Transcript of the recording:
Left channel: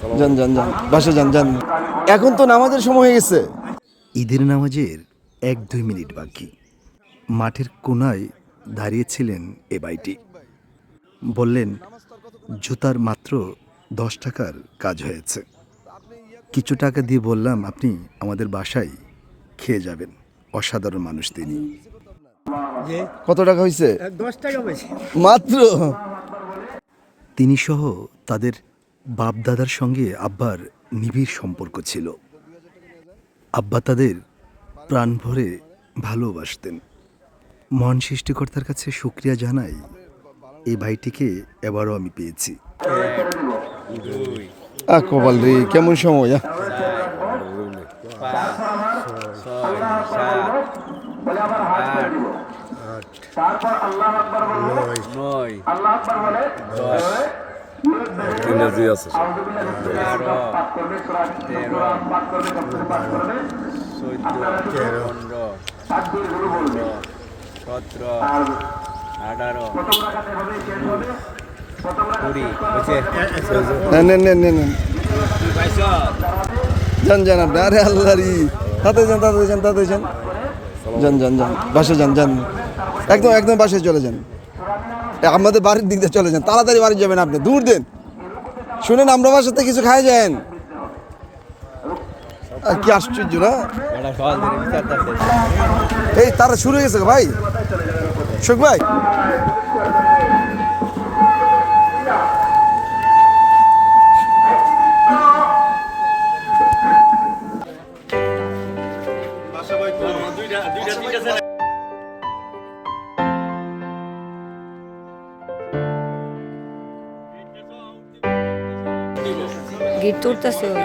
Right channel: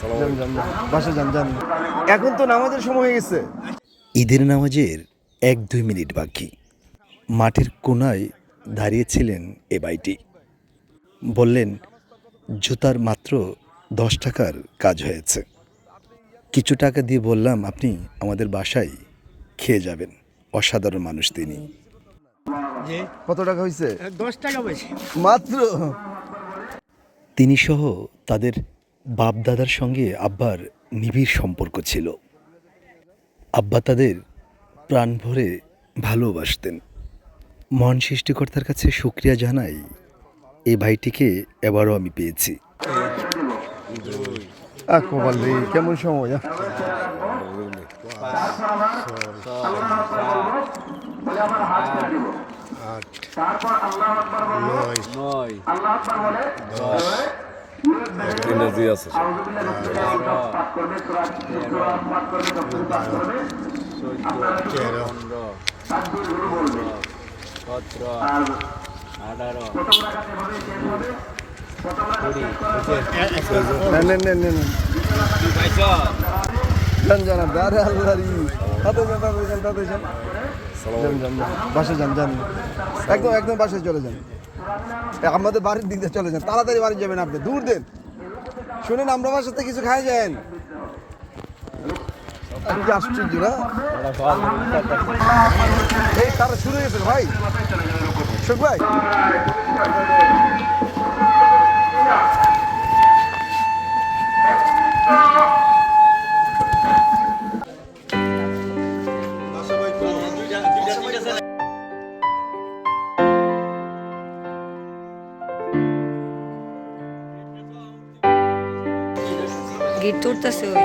যান যান যান বাসা যান যান। এখন তো নামাজের সময় হয়ে গেছে। ঈদের নামাজের 1-2 মিনিট বাকি। মাঠের কোনায় দাঁড়িয়েছিলেন এ ভাইটি। বললেন, জুতার মাত্র 10 টাকার কাজ হয়েছে। কিছু টাকা দিয়ে বললাম, আপনি আমাদের বাসায় খেয়ে যাবেন। অসাধারণ মানুষ তিনি। কত টাকা হয়েছে? 10 টাকা বেশি। মাত্র। তিনি সহ তাদের বাপ-দাদার সঙ্গে আব্বার নিবিড় সম্পর্ক ছিল। আব্বা তাদের প্রাণ ভরে ভালোবাসতেন। মহান সৃষ্টিকর্তার কাছে শুকরিয়া জানাই, এই ভাইটিকে এবারও আমি পেয়েছি। কপাল রে, কেমন সময়? এনার্জি আছে নেন নেন নেন নেন নেন। যান যান আপনি। আরে আল্লাহরি, তাতে যান তাতে যান তাতে যান। যান যান যান বাসা যান যান। একদম একদম বাসায় চলে যান। আমাদের বাড়ির দিক দিয়ে চলে যান, তাড়াতাড়ি বাড়ি যাবেন আপনি। দূর দেন। শুনেন, আমরা বাসাতে কিছু খাই যান। আর কি আশ্চর্য না? এই তারা শুরু হয়ে গেছে ভাই। শোক ভাই, গিট তুলতেছে ওই